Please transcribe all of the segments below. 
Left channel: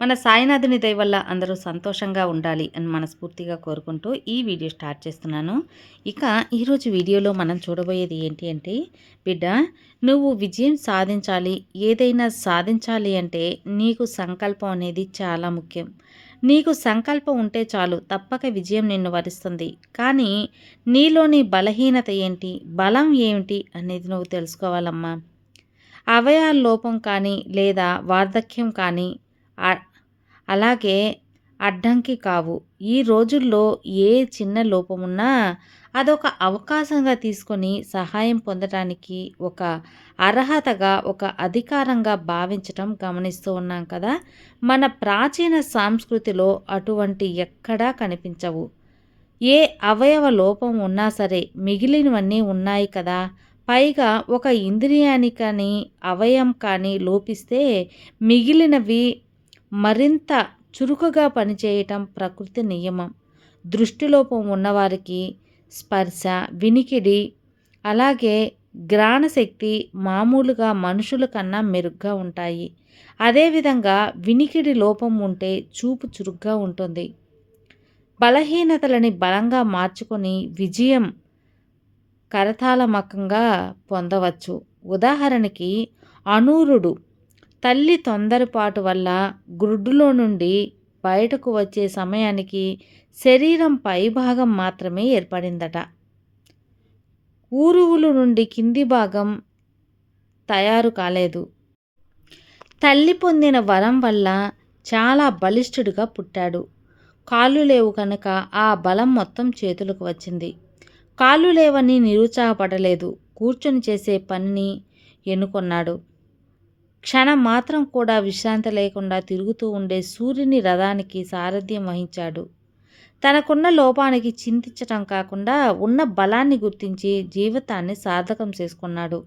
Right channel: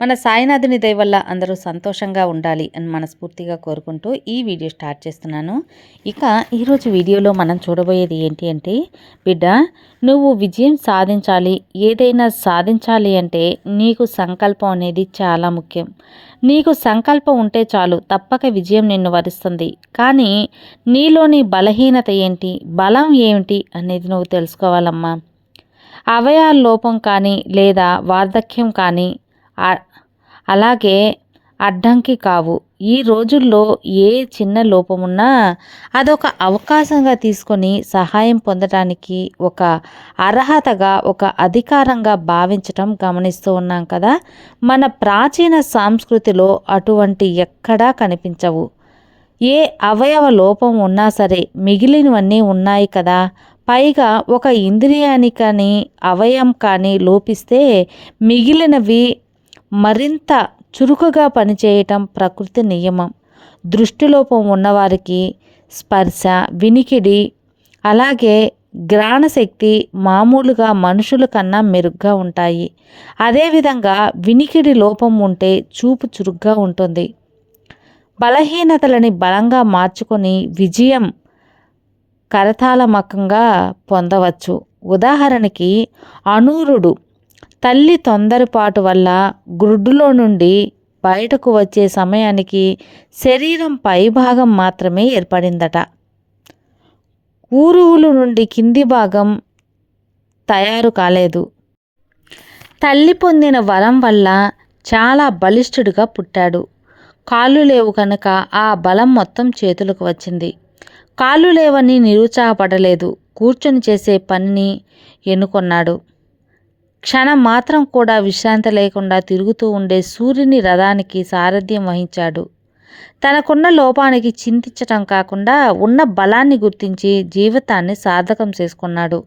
మన సాయినాథుని దయ వల్ల అందరూ సంతోషంగా ఉండాలి అని మనస్ఫూర్తిగా కోరుకుంటూ ఈ వీడియో స్టార్ట్ చేస్తున్నాను. ఇక ఈరోజు వీడియోలో మనం చూడబోయేది ఏంటి అంటే బిడ్డ నువ్వు విజయం సాధించాలి ఏదైనా సాధించాలి అంటే నీకు సంకల్పం అనేది చాలా ముఖ్యం. నీకు సంకల్పం ఉంటే చాలు తప్పక విజయం నిన్ను వరిస్తుంది. కానీ నీలోని బలహీనత ఏంటి బలం ఏమిటి అనేది నువ్వు తెలుసుకోవాలమ్మా. అవయాల లోపం కానీ లేదా వార్ధక్యం కానీ అలాగే అడ్డంకి కావు. ఈ రోజుల్లో ఏ చిన్న లోపమున్నా అదొక అవకాశంగా తీసుకొని సహాయం పొందడానికి ఒక అర్హతగా ఒక అధికారంగా భావించటం గమనిస్తూ ఉన్నాం కదా. మన ప్రాచీన సంస్కృతిలో అటువంటి ఎక్కడా కనిపించవు. ఏ అవయవ లోపం ఉన్నా సరే మిగిలినవన్నీ ఉన్నాయి కదా. పైగా ఒక ఇంద్రియాన్ని కానీ అవయం కానీ లోపిస్తే మిగిలినవి మరింత చురుకుగా పనిచేయటం ప్రకృతి నియమం. దృష్టిలోపం ఉన్నవారికి స్పర్శ వినికిడి అలాగే గ్రాణశక్తి మామూలుగా మనుషుల కన్నా మెరుగ్గా ఉంటాయి. అదేవిధంగా వినికిడి లోపం ఉంటే చూపు చురుగ్గా ఉంటుంది. బలహీనతలని బలంగా మార్చుకొని విజయం కరతాళమకంగా పొందవచ్చు. ఉదాహరణకి అనూరుడు తల్లి తొందరపాటు వల్ల గుడ్డులో నుండి బయటకు వచ్చే సమయానికి శరీరం పైభాగం మాత్రమే ఏర్పడిందట. ఊరువులు నుండి కింది భాగం తయారు కాలేదు. తల్లి పొందిన వరం వల్ల చాలా బలిష్ఠుడిగా పుట్టాడు. కాళ్ళు లేవు కనుక ఆ బలం మొత్తం చేతులకు వచ్చింది. కాళ్ళు లేవని నిరుత్సాహపడలేదు. కూర్చొని చేసే పనిని ఎన్నుకొన్నాడు. క్షణం మాత్రం కూడా విశ్రాంతి లేకుండా తిరుగుతూ ఉండే సూర్యుని రథానికి సారథ్యం వహించాడు. తనకున్న లోపానికి చింతించటం కాకుండా ఉన్న బలాన్ని గుర్తించి జీవితాన్ని సార్థకం చేసుకున్నాడు.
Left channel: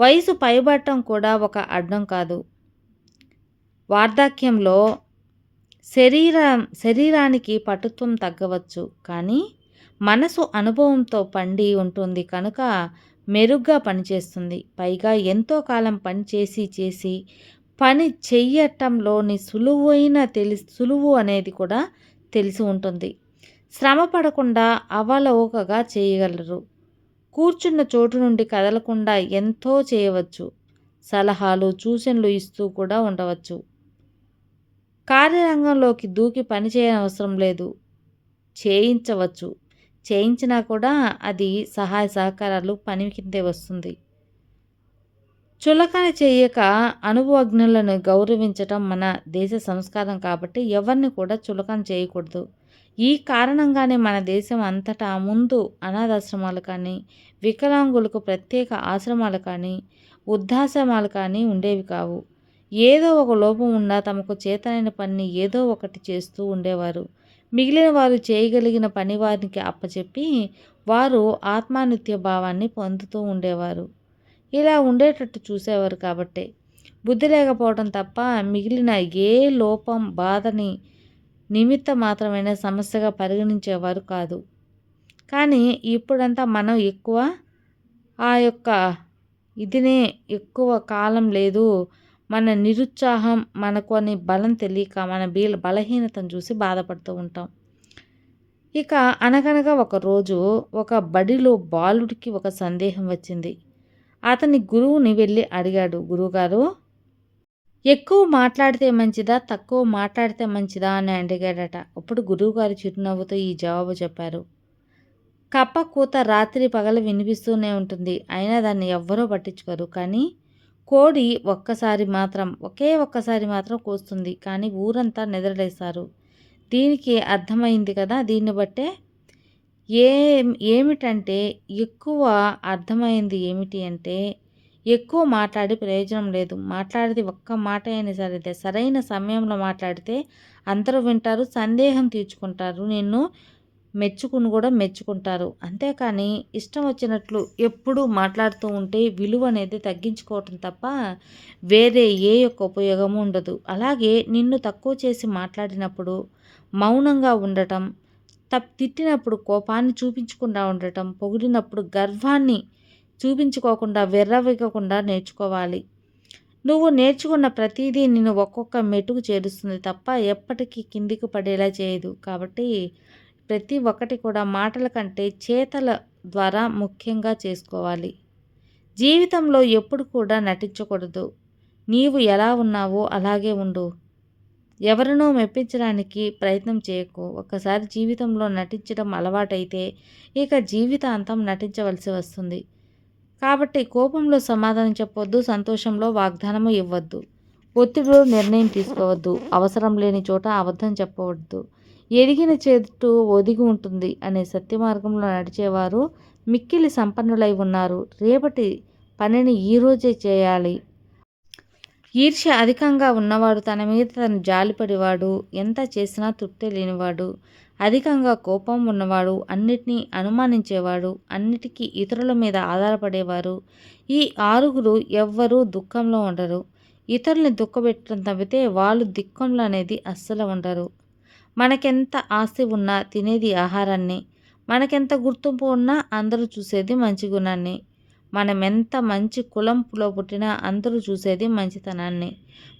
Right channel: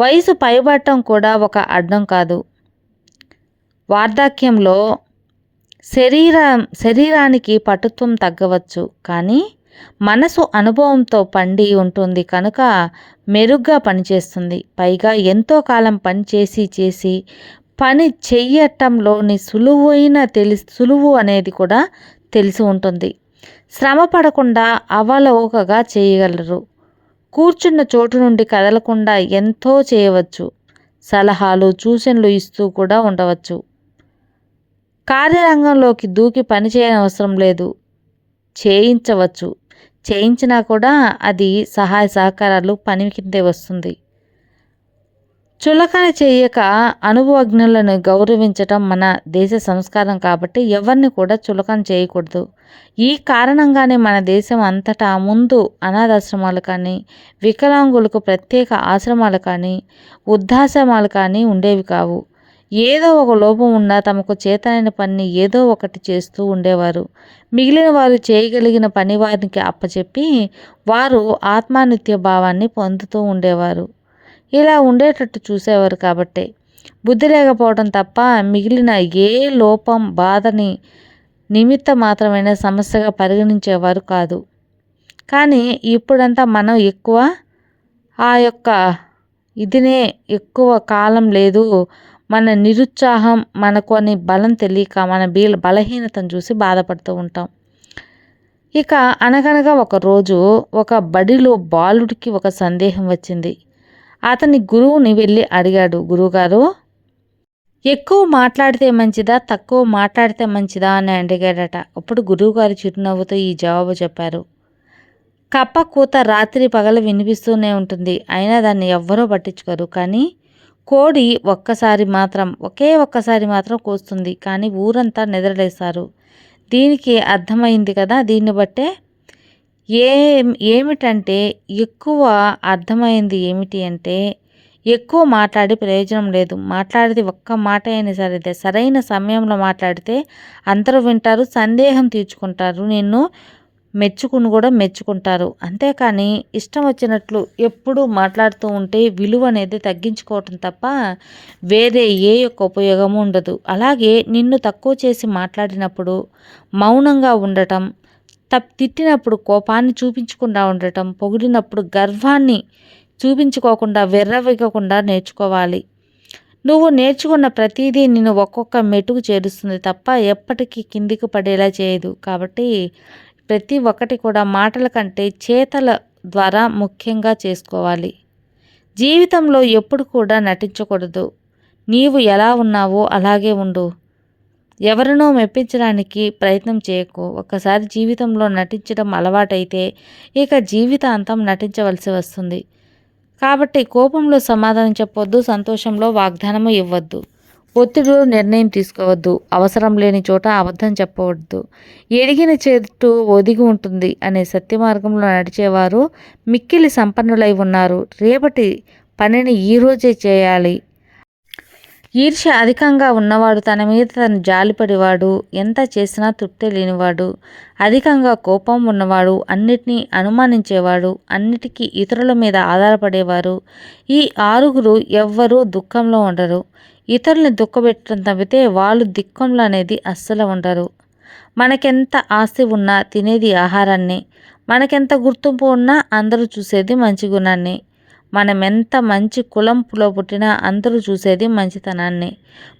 వయసు పైబట్టం కూడా ఒక అడ్డం కాదు. వార్ధక్యంలో శరీర శరీరానికి పటుత్వం తగ్గవచ్చు. కానీ మనసు అనుభవంతో పండి ఉంటుంది కనుక మెరుగ్గా పనిచేస్తుంది. పైగా ఎంతో కాలం పని చేసి చేసి పని చెయ్యటంలోని సులువైన తెలి సులువు అనేది కూడా తెలిసి ఉంటుంది. శ్రమ పడకుండా అవలోకగా చేయగలరు. కూర్చున్న చోటు నుండి కదలకుండా ఎంతో చేయవచ్చు. సలహాలు సూచనలు ఇస్తూ కూడా ఉండవచ్చు. కార్యరంగంలోకి దూకి పని చేయనవసరం లేదు. చేయించవచ్చు. చేయించినా కూడా అది సహాయ సహకారాలు పని కిందే వస్తుంది. చులకన చేయక అనుభవజ్ఞులను గౌరవించటం మన దేశ సంస్కారం కాబట్టి ఎవరిని కూడా చులకన చేయకూడదు. ఈ కారణంగానే మన దేశం అంతటా ముందు అనాథాశ్రమాలు కానీ వికలాంగులకు ప్రత్యేక ఆశ్రమాలు కానీ వృద్ధాశ్రమాలు కానీ ఉండేవి కావు. ఏదో ఒక లోపం ఉన్నా తమకు చేతనైన పని ఏదో ఒకటి చేస్తూ ఉండేవారు. మిగిలిన వారు చేయగలిగిన పని వారికి అప్పచెప్పి వారు ఆత్మానిత్య భావాన్ని పొందుతూ ఉండేవారు. ఇలా ఉండేటట్టు చూసేవారు కాబట్టే. బుద్ధి లేకపోవడం తప్ప మిగిలిన ఏ లోపం బాధని నిమిత్త మాత్రమైన సమస్యగా పరిగణించేవారు కాదు. కానీ ఇప్పుడంతా మనం ఎక్కువ ఆ యొక్క ఇదినే ఎక్కువ కాలం లేదు మన నిరుత్సాహం మనకు అని బలం తెలియక మన బీల బలహీనతను చూసి బాధపడుతూ ఉంటాం. ఇక అనగనగా ఒక రోజు ఒక బడిలో బాలుడికి ఒక సందేహం వచ్చింది. అతని గురువుని వెళ్ళి అడిగాడు గురువుగారు ఎక్కువ మాట్లాడితే మంచిదా తక్కువ మాట్లాడితే మంచిదా? అని అడిగాడట. అప్పుడు గురువుగారు చిరునవ్వుతో ఈ జవాబు చెప్పారు. కప్ప కూత రాత్రి పగల వినిపిస్తూనే ఉంటుంది. అయినా దాన్ని ఎవ్వరూ పట్టించుకోరు. కానీ కోడి ఒక్కసారి మాత్రం ఒకే ఒక్కసారి మాత్రం కూస్తుంది. కానీ ఊరంతా నిద్రలేశారు దీనికి అర్థమైంది కదా? దీన్ని బట్టే ఏ ఏమిటంటే ఎక్కువ అర్థమైంది ఏమిటి అంటే ఎక్కువ మాట్లాడి ప్రయోజనం లేదు. మాట్లాడితే ఒక్క మాట అయినా సరే సరైన సమయంలో మాట్లాడితే అందరూ వింటారు సందేహం తీర్చుకుంటారు. నిన్ను మెచ్చుకుని కూడా మెచ్చుకుంటారు. అంతేకాని ఇష్టం వచ్చినట్లు ఎప్పుడూ మాట్లాడుతూ ఉంటే విలువ అనేది తగ్గించుకోవటం తప్ప వేరే ఏ యొక్క ఉపయోగము ఉండదు. అలాగే నిన్ను తక్కువ చేసి మాట్లాడినప్పుడు మౌనంగా ఉండటం తప్ తిట్టినప్పుడు కోపాన్ని చూపించకుండా ఉండటం పొగిడినప్పుడు గర్వాన్ని చూపించుకోకుండా వెర్రవిగకుండా నేర్చుకోవాలి. నువ్వు నేర్చుకున్న ప్రతిదీ నిన్ను ఒక్కొక్క మెట్టుకు చేరుస్తుంది తప్ప ఎప్పటికీ కిందికి పడేలా చేయదు. కాబట్టి ప్రతి ఒక్కటి కూడా మాటల కంటే చేతల ద్వారా ముఖ్యంగా చేసుకోవాలి. జీవితంలో ఎప్పుడు కూడా నటించకూడదు. నీవు ఎలా ఉన్నావో అలాగే ఉండు. ఎవరినో మెప్పించడానికి ప్రయత్నం చేయకు. ఒక్కసారి జీవితంలో నటించడం అలవాటైతే ఇక జీవితాంతం నటించవలసి వస్తుంది. కాబట్టి కోపంలో సమాధానం చెప్పొద్దు సంతోషంలో వాగ్దానము ఇవ్వద్దు. ఒత్తిడిలో నిర్ణయం తీసుకోవద్దు. అవసరం లేని చోట అబద్ధం చెప్పవద్దు. ఎడిగిన చెట్టు ఒదిగి ఉంటుంది అనే సత్య మార్గంలో నడిచేవారు మిక్కిలి సంపన్నులై ఉన్నారు. రేపటి పనిని ఈరోజే చేయాలి. ఈర్ష్య అధికంగా ఉన్నవాడు తన మీద తను జాలిపడివాడు. ఎంత చేసినా తృప్తి లేనివాడు. అధికంగా కోపం ఉన్నవాడు అన్నిటినీ అనుమానించేవాడు. అన్నిటికీ ఇతరుల మీద ఆధారపడేవారు. ఈ ఆరుగురు ఎవ్వరూ దుఃఖంలో ఉండరు. ఇతరుల్ని దుఃఖపెట్టడం తప్పితే వాళ్ళు దిక్కంలో అనేది అస్సలు ఉండరు. మనకెంత ఆస్తి ఉన్నా తినేది ఆహారాన్ని మనకెంత గుర్తింపు ఉన్నా అందరూ చూసేది మంచి గుణాన్ని మనం ఎంత మంచి కులంలో పుట్టినా అందరూ చూసేది మంచితనాన్ని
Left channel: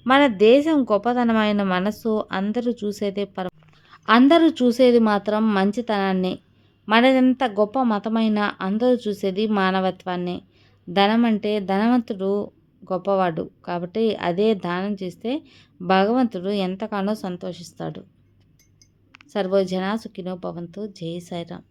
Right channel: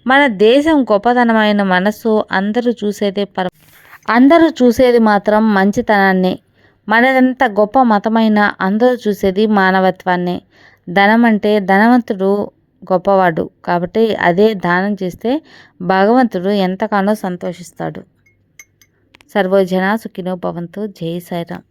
మన దేశం గొప్పతనమైన మనసు అందరూ చూసేదే పర అందరూ చూసేది మాత్రం మంచితనాన్ని మనదెంత గొప్ప మతమైన అందరూ చూసేది మానవత్వాన్ని. ధనం అంటే ధనవంతుడు గొప్పవాడు. కాబట్టి అదే దానం చేస్తే భగవంతుడు ఎంతగానో సంతోషిస్తాడు. సర్వజన సుఖినో భవంతు. జై సాయిరామ్.